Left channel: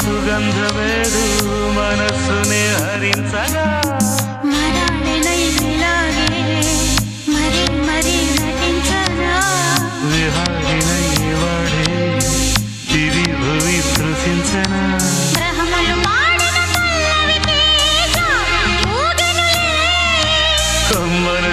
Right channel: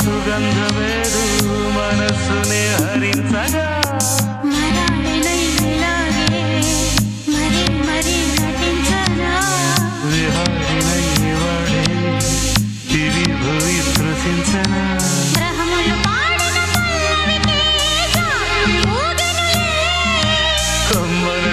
సుగంధమేదు మనస్సునే హరించగా మరాళినైలాగే మరి మరి నటించనా విహారినై వాడే దివి భువి స్పృశించనా గ్రహములు పాడిన పల్లవికి జాబిలి ఊగెనులే కొమ్మలు